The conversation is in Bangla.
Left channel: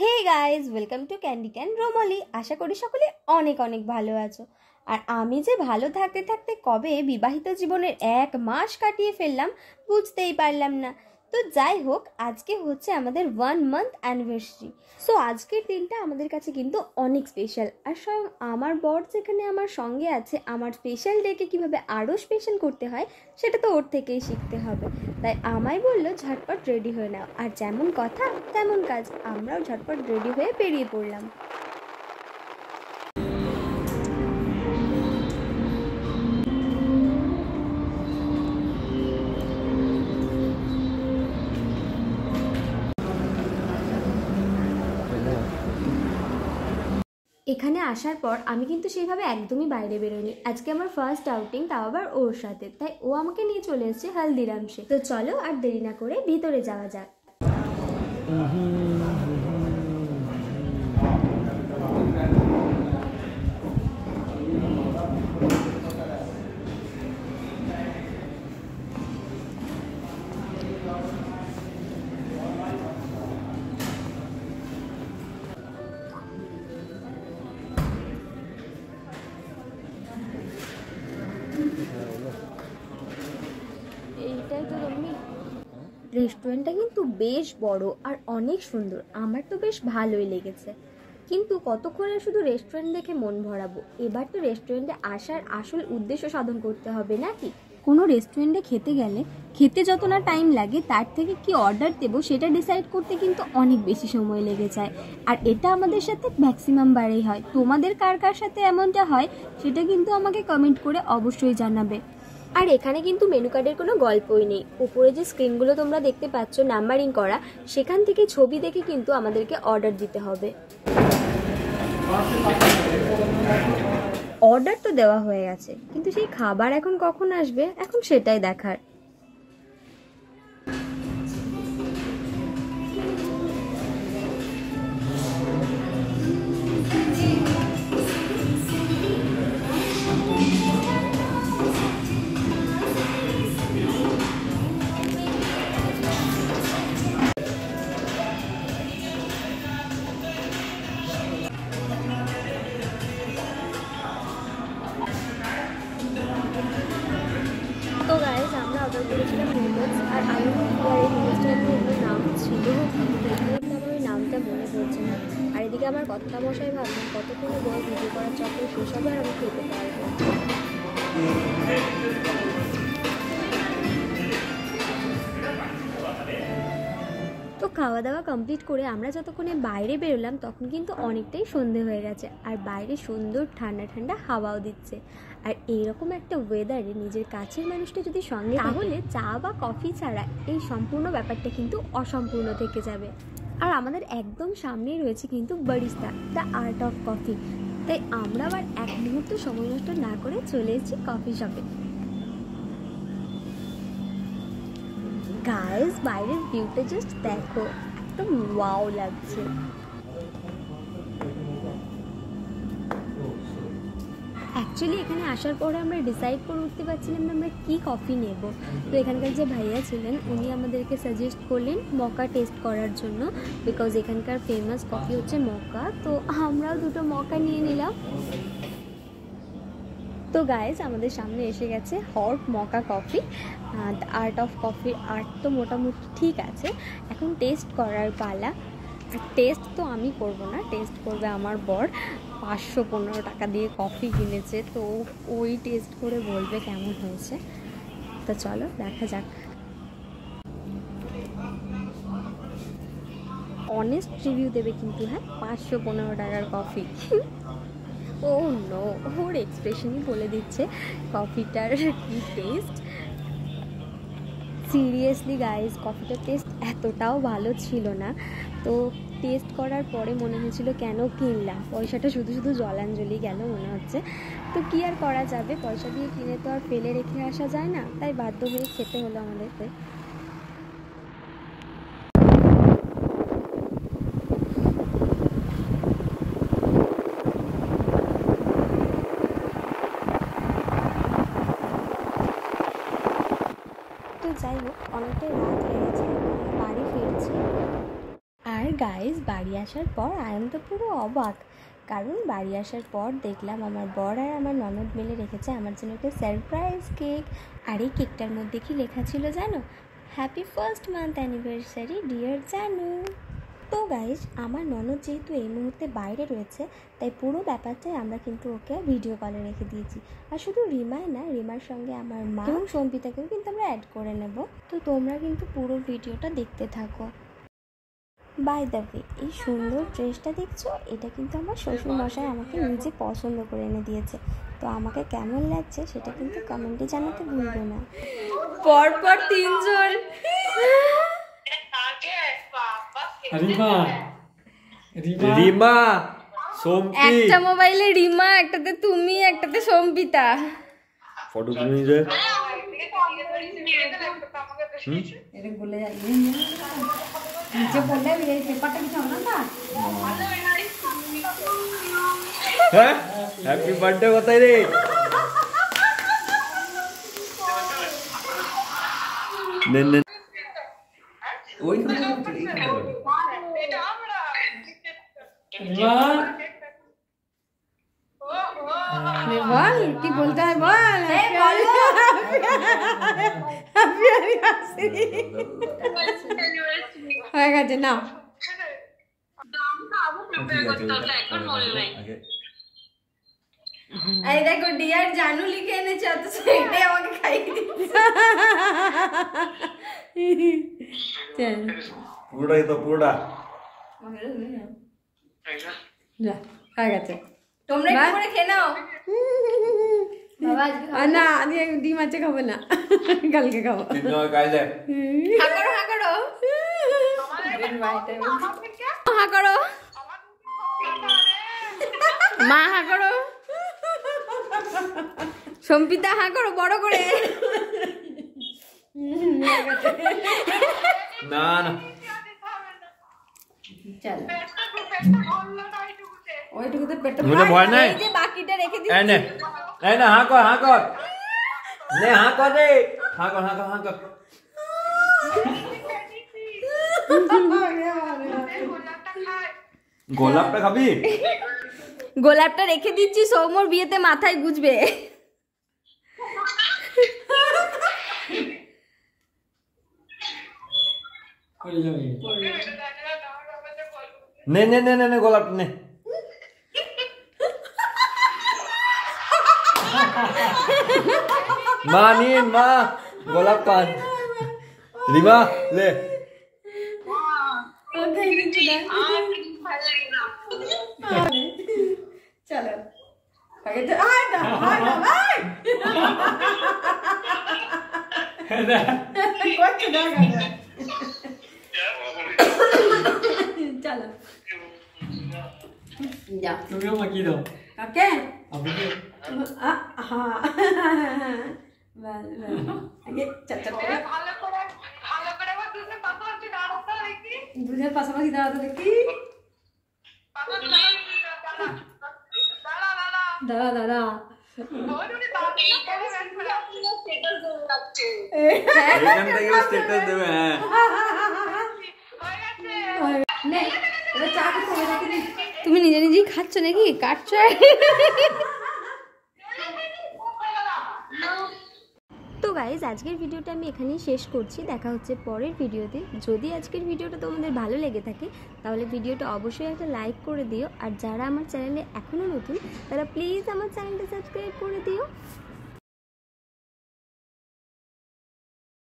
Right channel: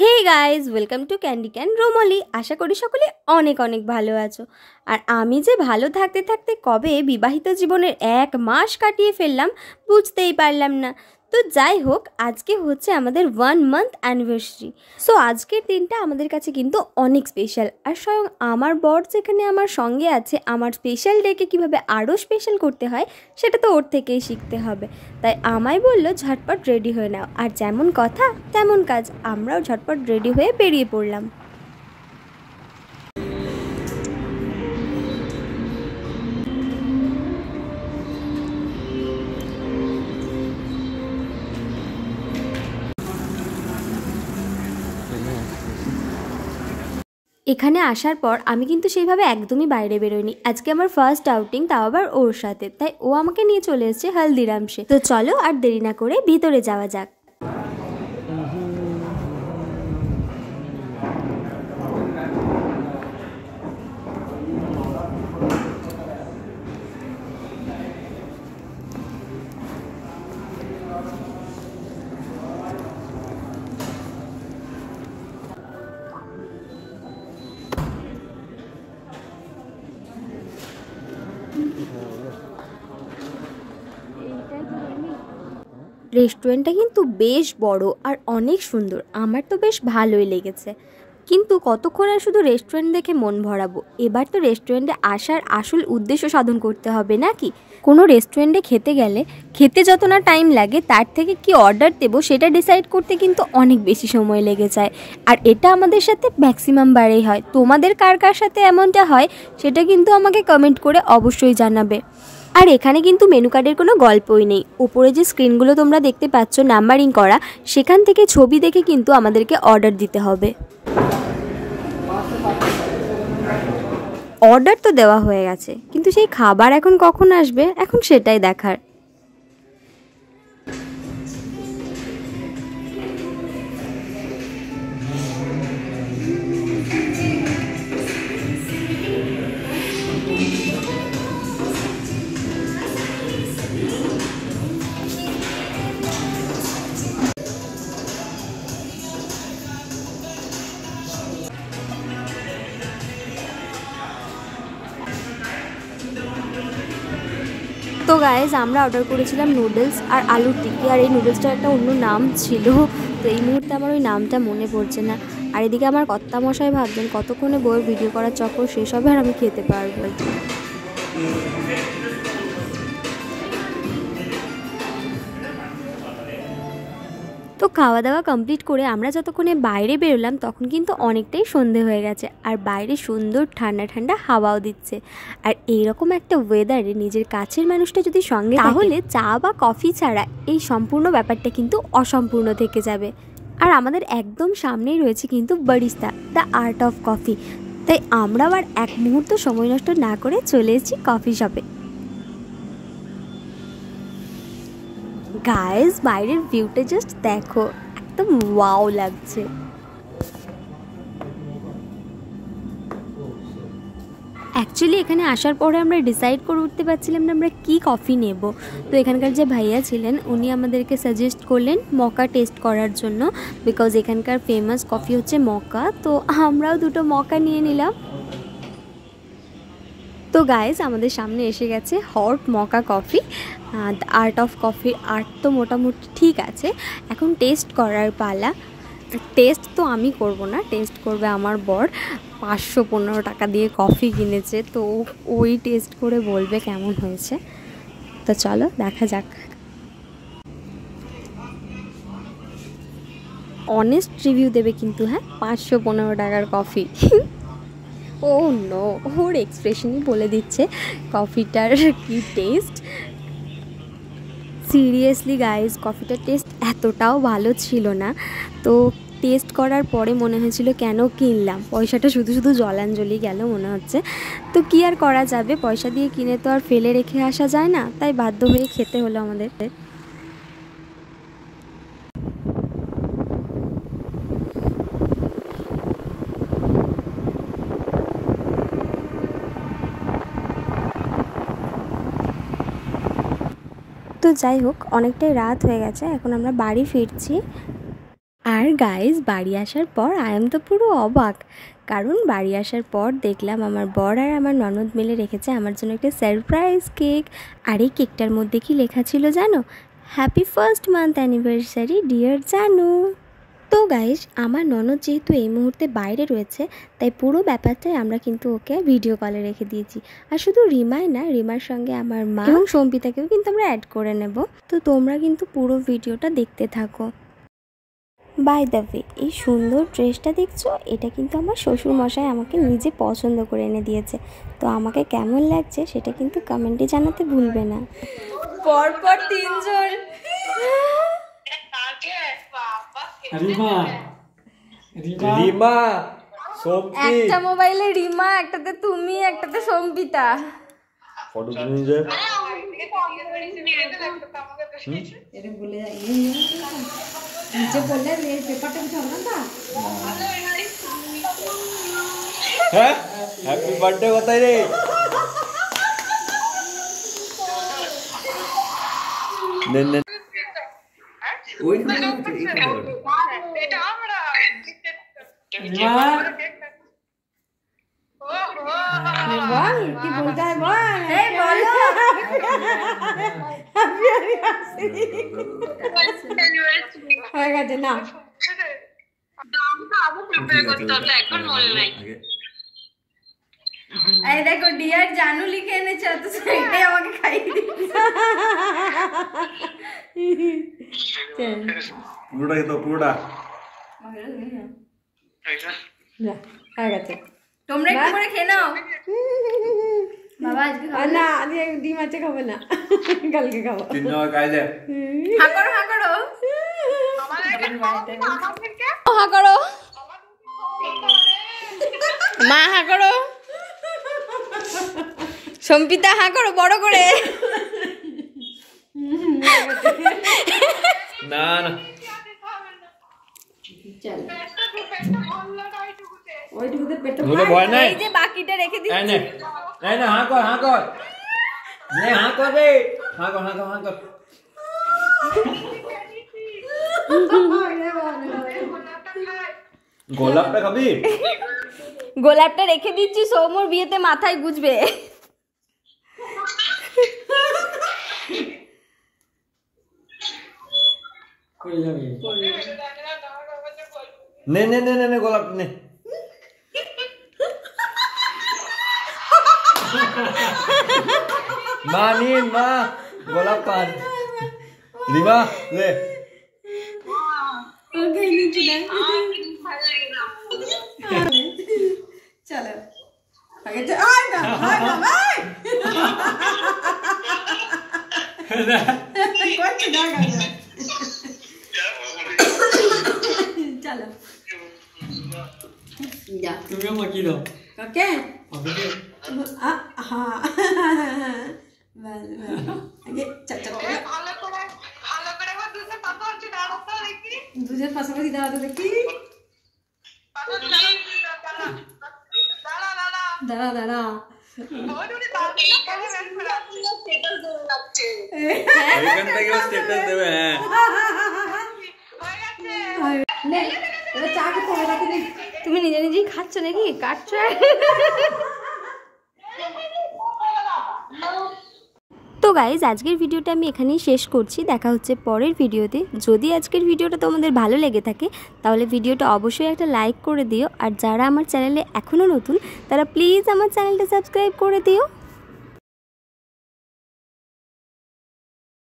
Hey guys, welcome to candy can রুমলি। আশা করি সকলে অনেক অনেক ভালো আছো। আর আমি যে ভালো থাকতে থাকতে কবে বিবাহিত জীবনের 1 মাস কাটিয়ে ফেললাম বুঝতেই পারলাম না। তো যাই হোক, আজকে হচ্ছে আমাদের 1 মান্থ অ্যানিভার্সারি। সো আজকের দিনটা আমাদের কাছে কিন্তু অনেক স্পেশাল। আর স্বয়ং আমার বর যেখানে আমার সঙ্গে আছে, আমার স্পেশাল ডেকে কীভাবে আরও স্পেশাল করতে হয় সেটা তো ওর থেকেই শিখতে হবে। তাই আমায় বললো ঝটপট রেডি হয়ে নাও, আর যেমন কথা তেমন কাজ, আমরাও ঝটপট রেডি হয়ে বেরিয়ে পড়লাম। এখানে আসার পর আমি কিন্তু সেইভাবে একদমই বাইরে বেরোইনি। আজকে আমার ফার্স্ট আউটিং, তাও আবার ওর সাথে। তাই ও আমাকে নিয়ে চলে এসেছে হলদিরামসে। তো চলো আর দেরি না করে ভিতরে যাওয়া যাক। রেস্টুরেন্টটা কিন্তু বেশ বড় আর অনেক সুন্দর, আমার তো বেশ ভালোই লেগেছে। কিন্তু কতক্ষণ আর শুধু রেস্টুরেন্ট দেখে মন ভরাবো? এবার তো রেস্টুরেন্টে আসার আসল উদ্দেশ্য সাধন করতে হবে নাকি? কোনো রেস্টুরেন্টে খেতে গেলে খেতে যত না টাইম লাগে, তার থেকে কি অর্ডার দেবো সেটা ডিসাইড করতে কিন্তু অনেক বেশি সময় লেগে যায়। আর এটা আমাদের সাথে ম্যাক্সিমাম বারেই হয়। তোমাদের কার কার সাথে এমনটা হয় সেটা কিন্তু আমাকে কমেন্ট করে অবশ্যই জানাবে। আর এখানে কিন্তু মেনু কার্ডের কোনো গল্পই নেই। ওপরে যে স্ক্রিনগুলো তোমরা দেখতে পাচ্ছ নাম্বারিং করা, সেখান থেকে ছবি দেখে কিন্তু আমাদেরকে অর্ডার দিতে হবে। অর্ডার তো দেওয়া হয়ে গেছে, কিন্তু সেই খাবার এখন কখন আসবে এখন সেটাই দেখার। তো গাইজ, আমরা অর্ডার করেছিলাম নুডলস আর আলুর টিকি। আর এই নুডলসটার একটা অন্য নাম ছিল, তো এই মুহূর্তে আমার ওই নামটা মনে পড়ছে না। আর এদিকে আমার কর্তামশাই ভাবছেন কতক্ষণে বইয়ের ভিডিও করার চক্কর শেষ হবে আর আমি খেতে পারবো। তো খাওয়া দাওয়া কমপ্লিট করে আমরা যতক্ষণে বাইরে বেরোলাম তখন কিন্তু অনেকটাই সন্ধে হয়ে গেছে। আর বাইরে সুন্দর ঠান্ডা ঠান্ডা হাওয়াও দিচ্ছে। আর এইরকম একটা ওয়েদারে নিজের কাছের মানুষটা যদি সঙ্গে, তাহলে চা বা কফি ছাড়া এই সম্পূর্ণ ব্যাপারটা কিন্তু অসম্পূর্ণ থেকে যাবে। আর আমাদের একদম সামনেই রয়েছে কিন্তু barista, the art of coffee. তাই আমরা আবার এক মুহূর্ত সময় নষ্ট না করে চলে এসেছি কফি শপে। গাইস, বাইরের ভিউটা জাস্ট দেখো, একদম ওয়াও লাগছে। অ্যাকচুয়ালি এখানে আসার পরে আমরা ডিসাইড করে উঠতে পারছিলাম না আমরা কী কফি নেব। তো এখানকার যে ভাইয়া ছিলেন উনি আমাদেরকে সাজেস্ট করলেন মকা টেস্ট করার জন্য, বিকজ এখানকার ফেমাস কফি হচ্ছে মকা। তো আমরাও দুটো মকা নিয়ে নিলাম। তো গাইজ, আমাদের সামনে এসে গেছে হট মকা কফি। আর্ট অফ কফির আর্ট তো মোটামুটি ঠিক আছে, এখন টেস্ট করার পালা। টেস্ট তো আমি করব না, টেস্ট করবে আমার বর। 515 টাকা দিয়ে কফি কিনেছে, তো ওই টেস্ট করে বলবে কেমন হয়েছে। তো চলো দেখা যাক। অনেস্ট রিভিউ দেবে কিন্তু, হ্যাঁ, 515 টাকার কফি। ও নো, ওর এক্সপ্রেশনই বলে দিচ্ছে কফিটার কি টেস্ট। সিরিয়াসলি গাইজ, কফিটার টেস্ট এতটাও ভালো ছিল না। তো টেস্ট করার পরে মনে হয়েছিল কেন কিনলাম, পয়সাটা শুধু শুধু জলাঞ্জলি গেল মনে হচ্ছে। তো কি আর করা যাবে, পয়সা দিয়ে কিনে তো আর ফেলে রেখে আসা যায় না, তাই বাধ্য হয়ে খেতে হলো আমাদের। তো যাই হোক, অনেকটাই রাত হয়ে গেছে, এখন আমরা বাড়ি ফিরছি। আর গাইজ বাড়ি আসার পর আয়াম তো পুরো অবাক, কারণ বাড়ি আসার পর দেখলাম আমার বর আর আমার ননদ মিলে রেখেছে আমার জন্য একটা সারপ্রাইজ কেক। আর এই কেকটার মধ্যে কি লেখা ছিল জানো? Happy first month anniversary dear জানু। তো গাইজ আমার ননদ যেহেতু এই মুহূর্তে বাইরে রয়েছে, তাই পুরো ব্যাপারটাই আমরা কিন্তু ওকে ভিডিও কলে রেখে দিয়েছি। আর শুধু রিমাই না, রিমার সঙ্গে আমার মা এবং সম্পিতাকেও কিন্তু আমরা অ্যাড করে নেব। তো তোমরা কিন্তু পুরো ভিডিওটা দেখতে থাকো। বাই দ্য ওয়ে, এই সুন্দর ড্রেসটা দেখছো, এটা কিন্তু আমার শ্বশুরমশাই আমাকে নিজে পছন্দ করে এনে দিয়েছে। তো আমাকে কেমন লাগছে সেটা কিন্তু কমেন্টে জানাতে ভুলবে না। পরপর তিনজন রিমা সম্পি, একটা মোবাইলে রিমা, একটাতে তুমি, একটাতে সম্পিতা। ফটো তুলে যে হ্যাঁ হ্যাপি বার্থডে কোথায় রে? নেন নেন ওই বল কি বলতে হয়, বল হয়ে গেছে না। এই দেখো ডিয়ার জানু লিখে এনেছে, অথচ এটাই আমাকে খাইয়ে দিচ্ছে। পুরোটাই তো পুরোটা হয়ে গেছে। তোমরা একটু করে খেয়ে নাও। বাবা না, আজকে ডিম আছে, খাবো না, কালকে খাবো। হা করো হা করো হা করো মা, হা করো সম্পিতা, হা করো বড় করে। না না ভয় নাই, এই যে বাকিটা রেখে দিচ্ছি। না হা কর হা কর, নে হা কর রে, হা কর হা কর হা কর। গোলাপটা খাবি? গোলাপটা রেখে দিচ্ছি, সৌমর বিয়েতে মাথায় গুজবে। নে নে নে নে গোলাপ নে। মা নিন মা গোলাপ কান, রিমা লে। চলো তুমিও মাখিয়ে দাও কাকে। দুধের পাশাপাশি দাঁড়াতে দেখি। দাঁড়া দাঁড়া, তুমি নিজে নিজেই খাচ্ছ নাকি কাটছ? তো গাইজ আজকের ভিডিওটা আমি এখানেই শেষ করছি। দেখা হচ্ছে পরের ভিডিওতে। যদি আজকের ভিডিওটা তোমাদের ভালো লেগে থাকে তাহলে ভিডিওটা অবশ্যই একটা লাইক করে দিও। আর যারা আমার চ্যানেলে এখনও নতুন তারা প্লিজ আমার চ্যানেলটা সাবস্ক্রাইব করে দিও।